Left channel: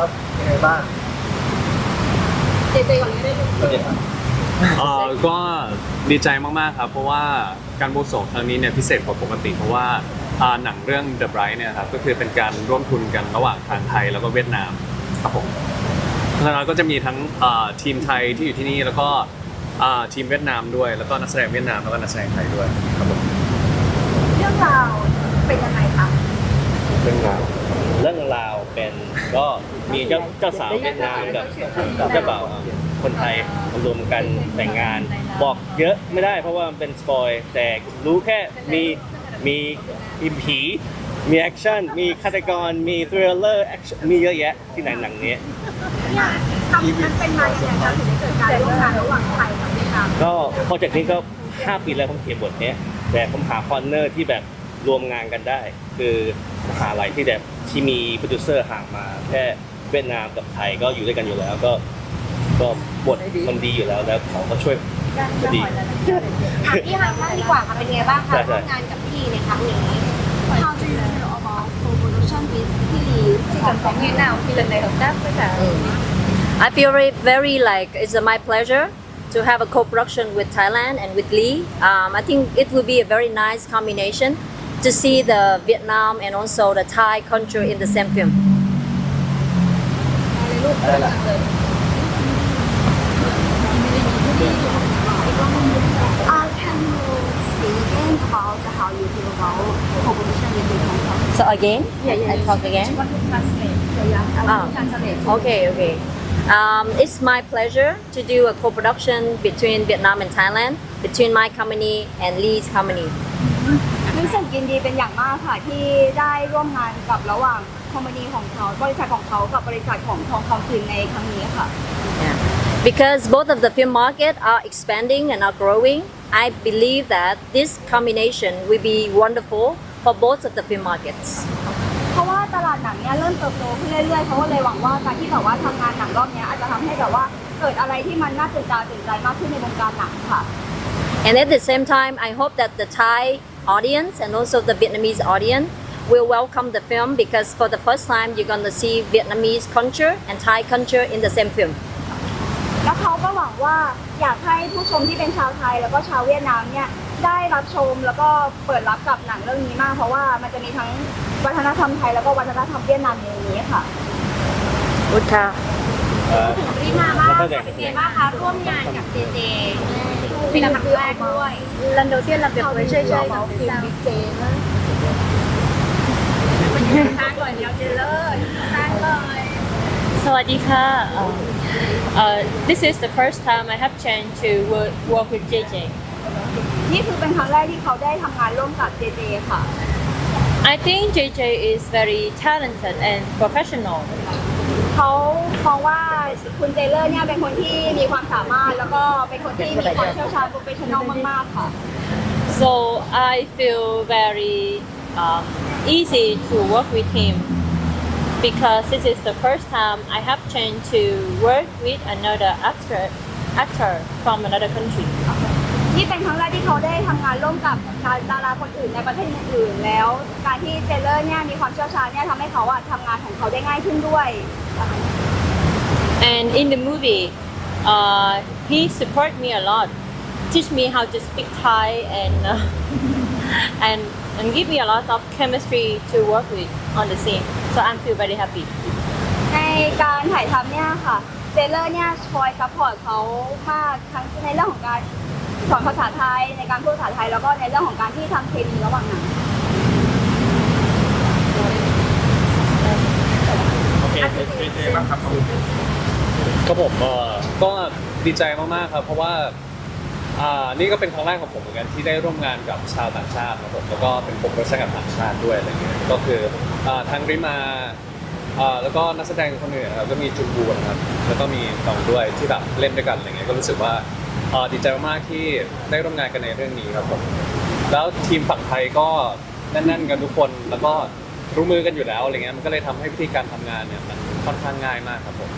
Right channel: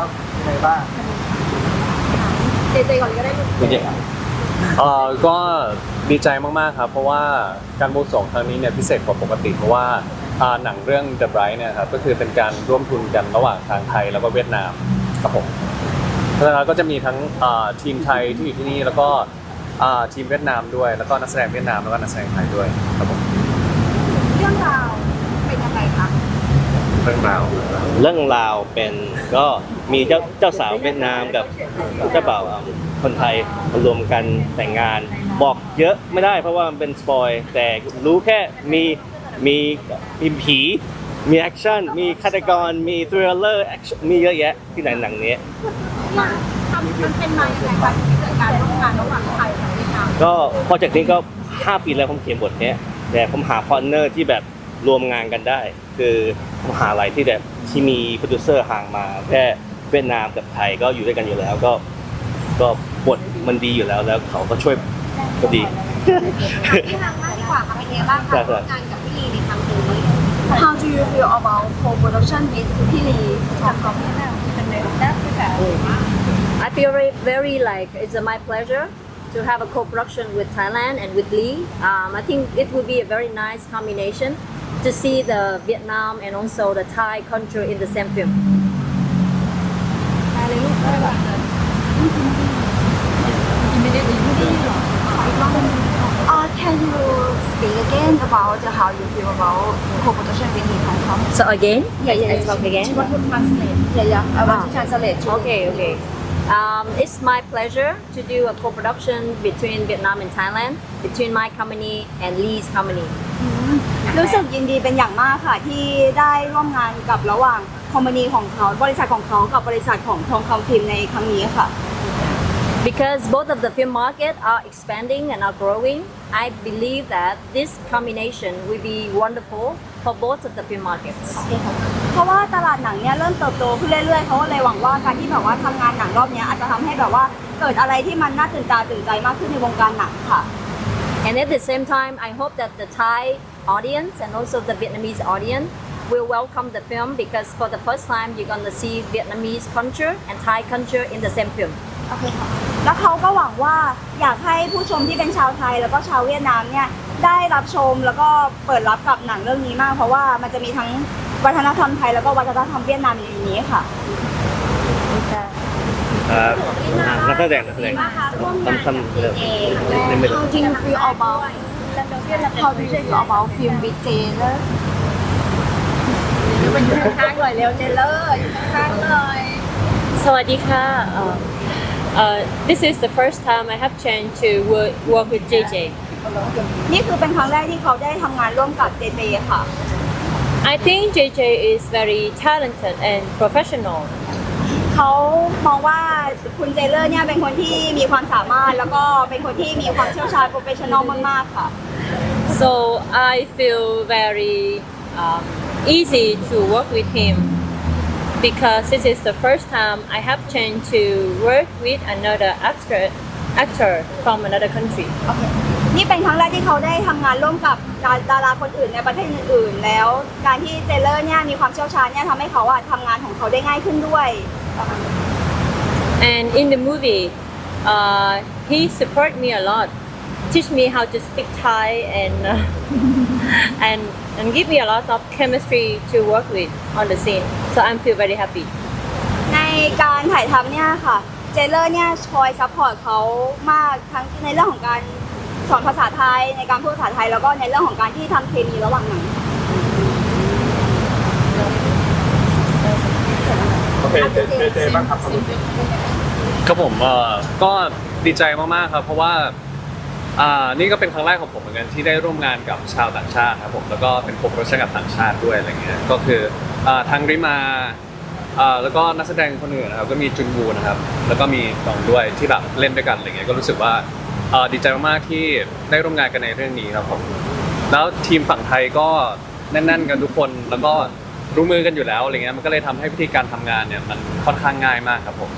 ครับยังไงบ้างเอ่อก็ดีใจมากๆครับ เพราะว่าการบวงสรวงครั้งนี้เนี่ยพิเศษกว่าปกติ เพราะว่าอ่าหนังเรื่อง The Bright เนี่ยครับก็คือเป็นการร่วมทุนกันระหว่างทางไทยแล้วก็เวียดนามครับผมเพราะฉะนั้นก็จะมีทั้งอ่าทีมไทยที่อยู่ที่นี่แล้วก็อ่าทีมเวียดนามด้วย แล้วก็นักแสดงเวียดนามแล้วก็นักแสดงไทยด้วยครับผมเรื่องราวเป็นยังไงคะเรื่องราว เรื่องราวเป็นก็มีเจ้าเจ้าสาวเวียดนามกับเจ้าบ่าวคนไทยมารวมกันแต่งงาน บอกเยอะไม่ได้เพราะว่ามันเป็นสปอยแต่รู้แค่มีมีมีผีมีแอคชั่นมีฆาตกรมีทริลเลอร์มีเยอะแยะที่หนังหนังนี้ทำมันเป็นมายังไงคะถึงได้เกิดการร่วมงานระหว่างไทยกับเวียดนามก็โปรเจกต์นี้ก็ 5 ปีแล้วผมเขียนบทเนี้ยแต่ผมหาพาร์ทเนอร์ที่แบบ รวมงานกันได้ คือมหาลัยที่แบบที่มีโปรดิวเซอร์ห่างมาแค่เวียดนามกับไทยก็อยู่ด้วยกันอยู่แล้วก็ ก็บทมันดีอยู่แล้วแล้วเขาก็ช่วยก็ดีพี่ฮาบ้างดีกว่าค่ะเป็นไงบ้างใช่คะใช่ร่วมงานกับพี่ลีในครั้งนี้ How do you feel about co-production with พี่ลีกับของพี่นาวคือในของด้านภาษา I feel very, very like it's my pleasure to have a co-production with Thailand and with Lee. Um, I think it will be a very nice combination to see the Vietnam and also the Thai country in the same film. So again? Yeah, yeah. I talk again. Yeah, yeah. I want to ah, translate. Okay, okay. Um, it's my pleasure to do a co-production between Vietnam and Thailand, between my company and Lee's company. รู้สึกยินดีเป็นอย่างมากค่ะที่ได้ร่วมงานกับระหว่างคอมพานีของเขาบริษัทของเขากับบริษัทของทองคำพิมพ์ในครั้งนี้ค่ะ Because both of the film market are expanding and are growing, I believe that this combination will be wonderful for both of the film markets. เพราะว่าตลาดหนังเนี่ยเริ่มเติบโตขึ้นเรื่อยๆเขาก็เลยหวังว่าการที่แบบว่าทำงานหนังรอบเนี้ยอาจจะทำให้แบบว่าเกิดอะไรที่มันน่าตื่นตาตื่นใจมากขึ้นในวงการหนังค่ะ And at the same time, I hope that the Thai audience and also the Vietnamese audience will welcome the film because for the first time you're gonna see Vietnamese culture and Thai culture in the same film. โอเคค่ะแล้วเขาก็หวังว่าอยากให้ผู้ชมที่เป็นชาวไทยแล้วก็ชาวเวียดนามเนี่ยได้รับชมแล้วก็เปิดรับกับหนังเรื่องนี้มาก เพราะว่ามันจะมีทั้งวัฒนธรรมไทยแล้วก็วัฒนธรรมเวียดนามอยู่ในนี้ค่ะ นักแสดงนักแสดง มากค่ะร่วมงานกับเจเจเป็นครั้งแรกด้วยลันโดเซียนรับเดบิวต์ช่วยเอาฟิล์มบีเจเลยมันอยู่ข้างๆเลยเร็วเจเลอร์ข้างๆเลย Sawadika. Um, uh, this is the first time I have chance to work, work with JJ. นี่คือเป็นครั้งแรกที่เขาได้ทำงานร่วมกับเจเจค่ะ I think JJ is very talented and professional. เขามองว่า คุณเจเลอร์เนี่ยเป็นคนที่มีความสามารถแล้วก็เป็นคนที่มีความเชี่ยวชาญโปรเฟชชั่นอลมากๆค่ะ So I feel very um, easy to work with him because this is the first time I have chance to work with another actor, actor from another country. นี่เป็นครั้งแรกที่เขาได้ทำงานร่วมกับดาราคนอื่นในประเทศอื่นๆแล้ว การที่เจเลอร์เนี่ยมีความเชี่ยวชาญเนี่ยทำให้เขาอะทำงานของเขาได้ง่ายขึ้นด้วย And in the movie, uh, he support me a lot, teach me how to speak Thai, and uh, and and give me a lot of chemistry to work with on the scene. So I feel very happy. ในการถ่ายทำเนี่ยค่ะ เจเลอร์เนี่ยคอยซัพพอร์ตเขามากทั้งในเรื่องของการสอนภาษาไทย ในการพูดภาษาไทย แล้วก็ในเรื่องของการที่ทำเคมีระหว่างหนัง โอเ ครับผมเอ่อก็ดีใจมากๆครับ เพราะว่าอ่านี่ก็เป็นครั้งแรกของผมเหมือนกันที่ได้ร่วมงานกับชาวต่างชาติครับผมแล้วก็เป็นผมรัชกับต่างชาติด้วยอะไรเงี้ยก็คืออ่าทางริมาอ่าแล้วก็นักแสดงคนอื่นนะครับก็มีจุนบูนะครับแล้วก็มีตองด้วยที่แบบเล่นด้วยกันอะไรเงี้ยก็รู้สึกว่าอ่าดีใจมากๆที่ได้ร่วมงานกันในเรื่องนี้ครับผมแล้วทีมฝั่งไทยก็แน่น ๆ กันทุกคนแล้วก็รู้มือกันอยู่แล้วอะไรเงี้ยมันก็เลยทำให้วิธีการทำงานเนี่ยมันค่อนข้างง่ายมากครับผม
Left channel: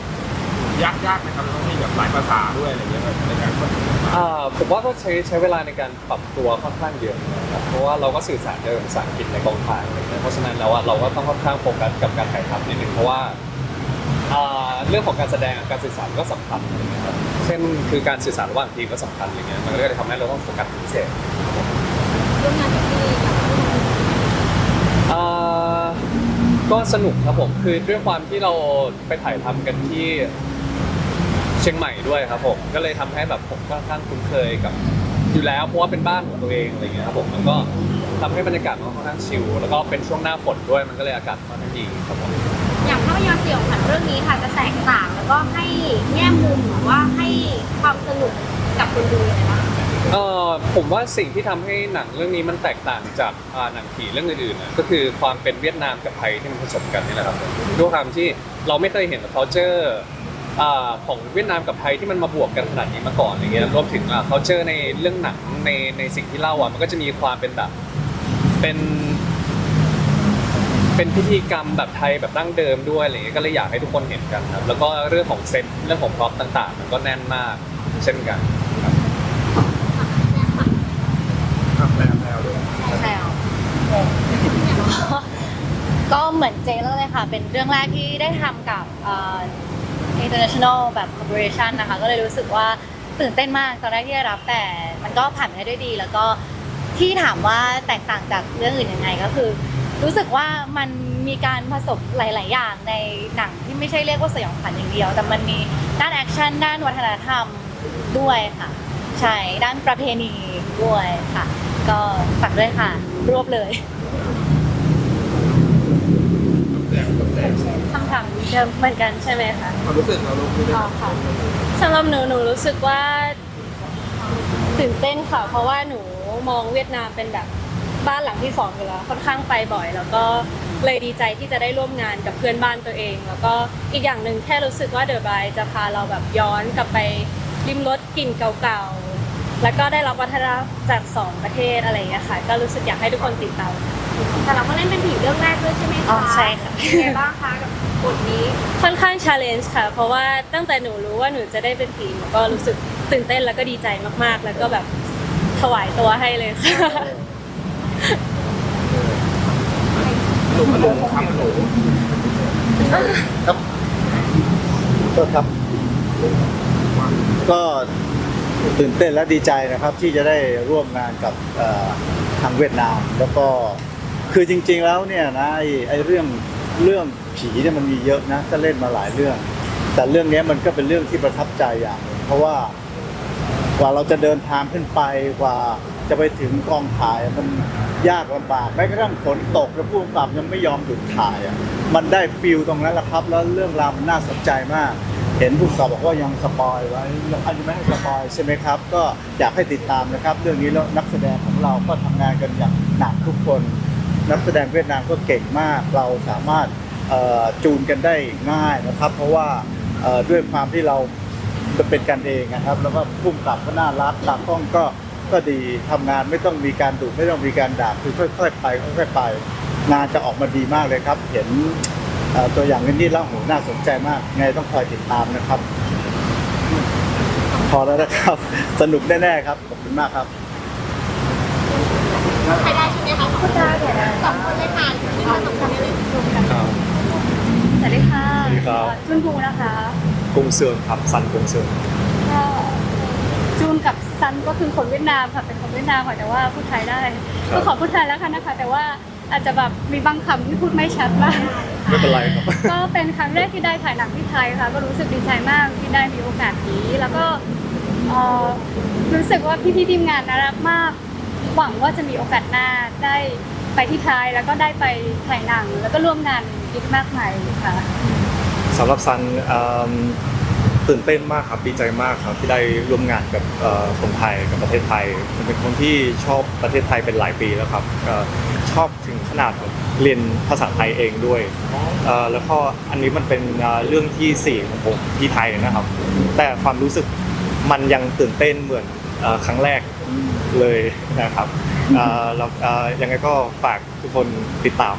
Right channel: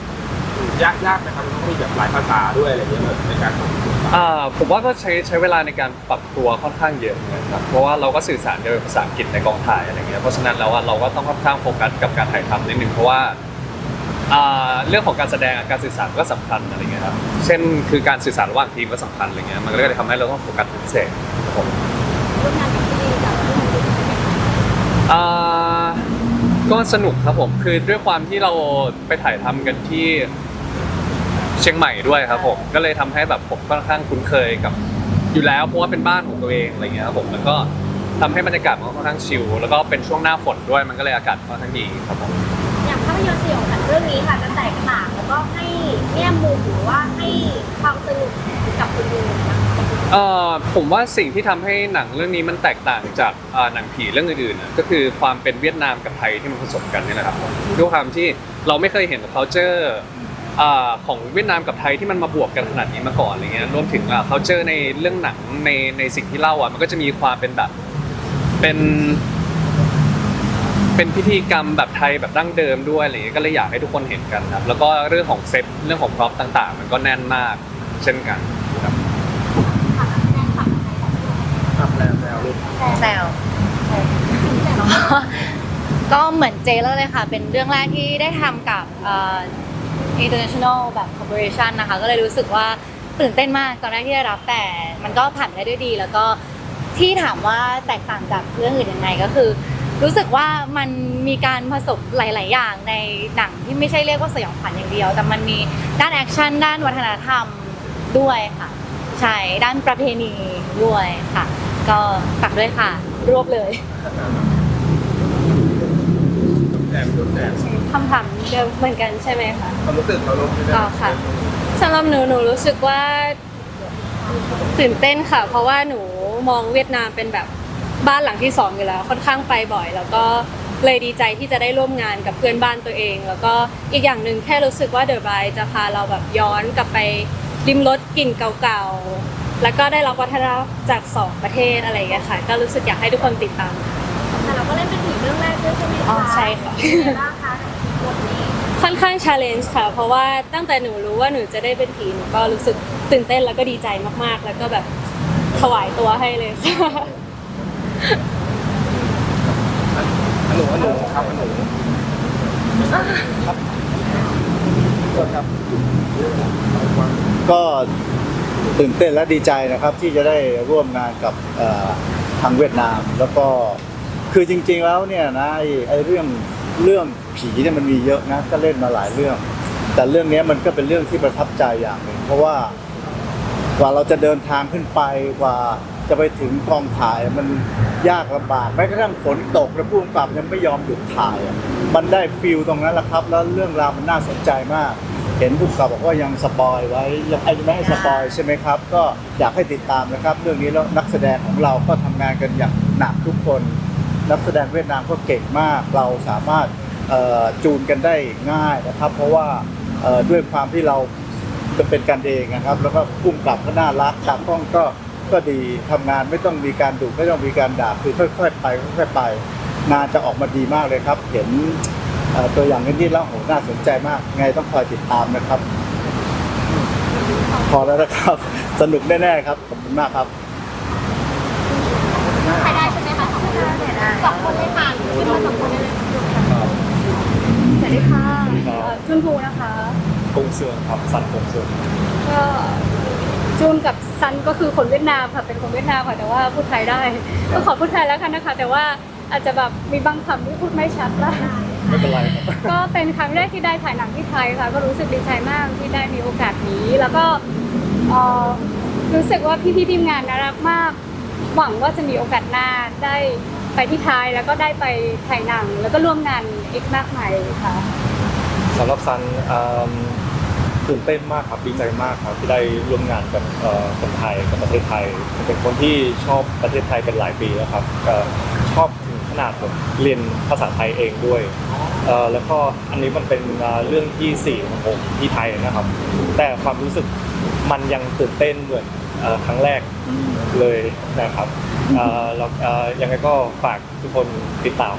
ยากยากไหมครับต้องมีแบบหลายภาษาด้วยอะไรอย่างเงี้ยในการทำอ่าผมว่าก็ใช้ใช้เวลาในการปรับตัวค่อนข้างเยอะนะครับเพราะว่าเราก็สื่อสารกันเป็นภาษาอังกฤษในกองถ่ายอะไรเงี้ยเพราะฉะนั้นแล้วว่าเราก็ต้องค่อนข้างโฟกัสกับการถ่ายทำนิดนึงเพราะว่าอ่าเรื่องของการแสดงการสื่อสารก็สำคัญอะไรเงี้ยครับเช่นคือการสื่อสารระหว่างทีมก็สำคัญอะไรเงี้ยมันก็เลยทำให้เราต้องโฟกัสเป็นพิเศษครับผม อ่าก็สนุกครับผมคือด้วยความที่เราไปถ่ายทำกันที่เชียงใหม่ด้วยครับผมก็เลยทำให้แบบผมค่อนข้างคุ้นเคยกับ อยู่แล้วเพราะว่าเป็นบ้านของตัวเองอะไรเงี้ยครับผมมันก็ทำให้บรรยากาศมันค่อนข้างชิลแล้วก็เป็นช่วงหน้าฝนด้วยมันก็เลยอากาศค่อนข้างดีครับผมอย่างภาพยนตร์สยองขวัญเรื่องนี้ค่ะจะแตกต่างแล้วก็ให้แง่มุมหรือว่าให้ความสนุกกับคนดูนะคะเอ่อผมว่าสิ่งที่ทำให้หนังเรื่องนี้มันแตกต่างจากเอ่อหนังผีเรื่องอื่นๆน่ะก็คือความเป็นเวียดนามกับไทยที่มันผสมกันนี่แหละครับด้วยความที่เราไม่เคยเห็น culture อ่าของเวียดนามกับไทยที่มันมาบวกกันขนาดนี้มาก่อนอะไรเงี้ยรวมถึงอ่า culture ในเรื่องหนังในในสิ่งที่เล่าอะมันก็จะมีความเป็นแบบเป็นเป็นพิธีกรรมแบบไทยแบบดั้งเดิมด้วยอะไรเงี้ยก็เลยอยากให้ทุกคนเห็นกันครับ แล้วก็เรื่องของเซตเรื่องของพร็อพต่าง ๆ มันก็แน่นมากเช่นกันครับแล้วแล้วลูกแซวก็เหมือนเจแล้วเลยค่ะ เป็นเรื่องแรกที่ได้ทำกับเอ่อ international แบบ corporation นะคะ ก็เลยรู้สึกว่าตื่นเต้นมากตอนแรกที่ได้รับแต่มันก็ผ่านไปได้ด้วยดี แล้วก็ที่ถามว่าแตกต่างจากเรื่องอื่นยังไงก็คือ รู้สึกว่ามันมีการผสมหลาย ๆ อย่างในหนังที่ไม่ใช่เรียกว่าสยองขวัญอย่างเดียว แต่มันมีด้านแอคชั่นด้านวัฒนธรรมด้วยค่ะใช่ด้านประเพณีด้วยค่ะ ก็ฝากด้วยค่ะ รวบเลย คำถามเดิมเหมือนกันใช่ไหมคะความรู้สึกเราลงที่ได้อ๋อค่ะสำหรับหนูหนูรู้สึกว่า ตื่นเต้นค่ะ เพราะว่าหนูมองเวียดนามเป็นแบบบ้านหลังที่สองอยู่แล้ว ค่อนข้างไปบ่อย แล้วก็เลยดีใจที่จะได้ร่วมงานกับเพื่อนบ้านตัวเอง แล้วก็อีกอย่างหนึ่งแค่รู้สึกว่าเดอะบายจะพาเราแบบย้อนกลับไปริมรสกลิ่นเก่าๆ แล้วก็ได้รับวัฒนธรรมจากสองประเทศอะไรอย่างเงี้ยค่ะ ก็รู้สึกอยากให้ทุกคนติดตาม แต่เราก็เล่นเป็นผีเรื่ องแรกด้วยใช่ไหมคะอ๋อใช่ค่ะ เป็นไงบ้างคะกับบทนี้ค่อนข้างชาเลนจ์ค่ะ เพราะว่าตั้งแต่หนูรู้ว่าหนูจะได้เป็นผีหนูก็รู้สึกตื่นเต้นแล้วก็ดีใจมากๆ แล้วก็แบบถวายตัวให้เลยค่ะ หนูหนูทำหนูครับ ก็ตื่นเต้นและดีใจนะครับที่จะได้ร่วมงานกับเอ่อทางเวียดนาม แล้วก็ คือจริง ๆแล้วเนี่ยนะไอ้ไอ้เรื่องเรื่องผีเนี่ยมันมีเยอะนะก็เล่นมาหลายเรื่อง แต่เรื่องเนี้ยมันก็เป็นเรื่องที่ประทับใจอย่างหนึ่งเพราะว่ากว่าเราจะเดินทางขึ้นไปกว่าจะไปถึงกองถ่ายมันยากลำบากแม้กระทั่งฝนตกแล้วผู้กำกับยังไม่ยอมหยุดถ่ายอะมันได้ฟิลตรงนั้นแหละครับ แล้วเรื่องราวมันน่าสนใจมาก เห็นผู้กำกับบอกว่ายังสปอยไว้ยังอาจจะไม่ให้สปอยใช่ไหมครับ ก็อยากให้ติดตามนะครับ เรื่องนี้แล้วนักแสดงของเราก็ทำงานกันอย่างหนักทุกคน นักแสดงเวียดนามก็เก่งมาก เราสามารถจูนกันได้ง่ายนะครับ เพราะว่าด้วยความที่เราเป็นกันเองนะครับ แล้วก็พุ่มกลับก็น่ารักตากล้องก็ก็ดีทำงานไม่ต้องมีการดุไม่ต้องมีการด่าคือค่อย ๆ ไปค่อยๆไป งานจะออกมาดีมากเลยครับ เห็นตัวอย่างนี้แล้วโหน่าสนใจมาก ไงต้องคอยติดตามนะครับ พอแล้วนะครับ สนุกแน่ๆครับขอบคุณมากครับ ใครได้ใช่ไหมคะพูดได้ได้ สองคนไม่ทานหรือว่าสองคนไม่ดูกันสวัสดีค่ะสวัสดีครับ เอ่อจุนภูนะคะกงเซิงครับซันกงเซิงก็จูนกับซันก็คือคนเวียดนามค่ะเป็นคนเวียดนามค่ะแต่ว่าพูดไทยได้ก็ขอพูดไทยแล้วกันนะคะ แต่ว่าอาจจะแบบมีบางคำที่พูดไม่ชัดบ้าง ไม่เป็นไรครับ ก็เป็นครั้งแรกที่ได้ถ่ายหนังที่ไทยค่ะ ก็รู้สึกดีใจมากที่ได้มีโอกาสนี้ แล้วก็เอ่อรู้สึกว่าพี่ๆทีมงานน่ารักมาก หวังว่าจะมีโอกาสหน้าได้ ไปที่ไทยแล้วก็ได้ไปถ่ายหนัง แล้วก็ร่วมงานอีกมากมายค่ะ สำหรับซันเอิ่มตื่นเต้นมากครับดีใจมากครับที่ได้ร่วมงานกับเอ่อคนไทยกับประเทศไทยผมเป็นคนที่ชอบประเทศไทยเป็นหลายปีแล้วครับชอบถึงขนาดแบบเรียนภาษาไทยเองด้วยเอ่อแล้วก็อันนี้มันเป็นเอ่อเรื่องที่สี่ของผมที่ไทยนะครับ แต่ความรู้สึกมันยังตื่นเต้นเหมือนเอ่อครั้งแรกเลยนะครับ เอ่อแล้วเอ่อยังไงก็ฝากทุกคนติดตาม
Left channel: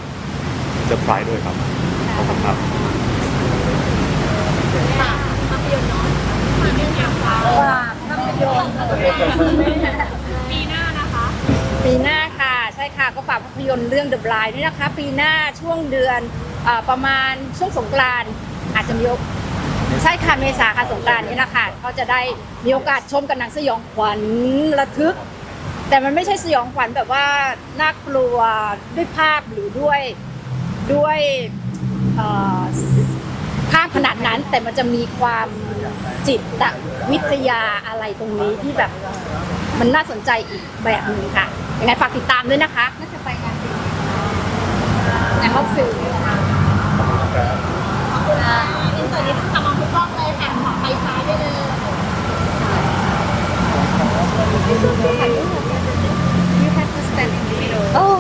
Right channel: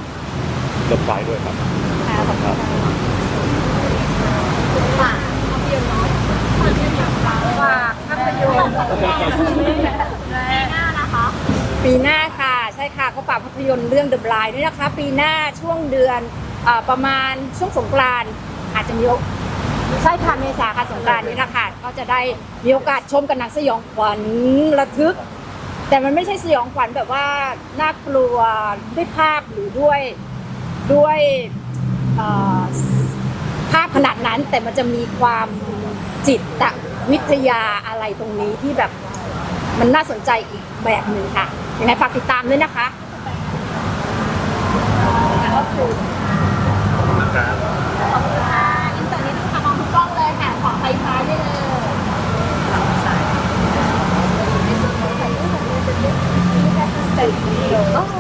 เดอะไพรด้วยครับขอบคุณครับปีหน้าค่ะ ใช่ค่ะก็ฝากภาพยนตร์เรื่อง The Blind ด้วยนะคะ ปีหน้าช่วงเดือนเอ่อประมาณช่วงสงกรานต์อาจจะมีโอใช่ค่ะเมษาค่ะสงกรานต์นี้แหละค่ะก็จะได้มีโอกาสชมกันหนังสยองขวัญระทึก แต่มันไม่ใช่สยองขวัญแบบว่าน่ากลัวด้วยภาพหรือด้วยด้วยภาพขนาดนั้น แต่มันจะมีความจิตวิทยาอะไรตรงนี้ที่แบบมันน่าสนใจอีกแบบหนึ่งค่ะยังไงฝากติดตามด้วยนะคะน่าจะไปงานแต่เขาเสีย Oh,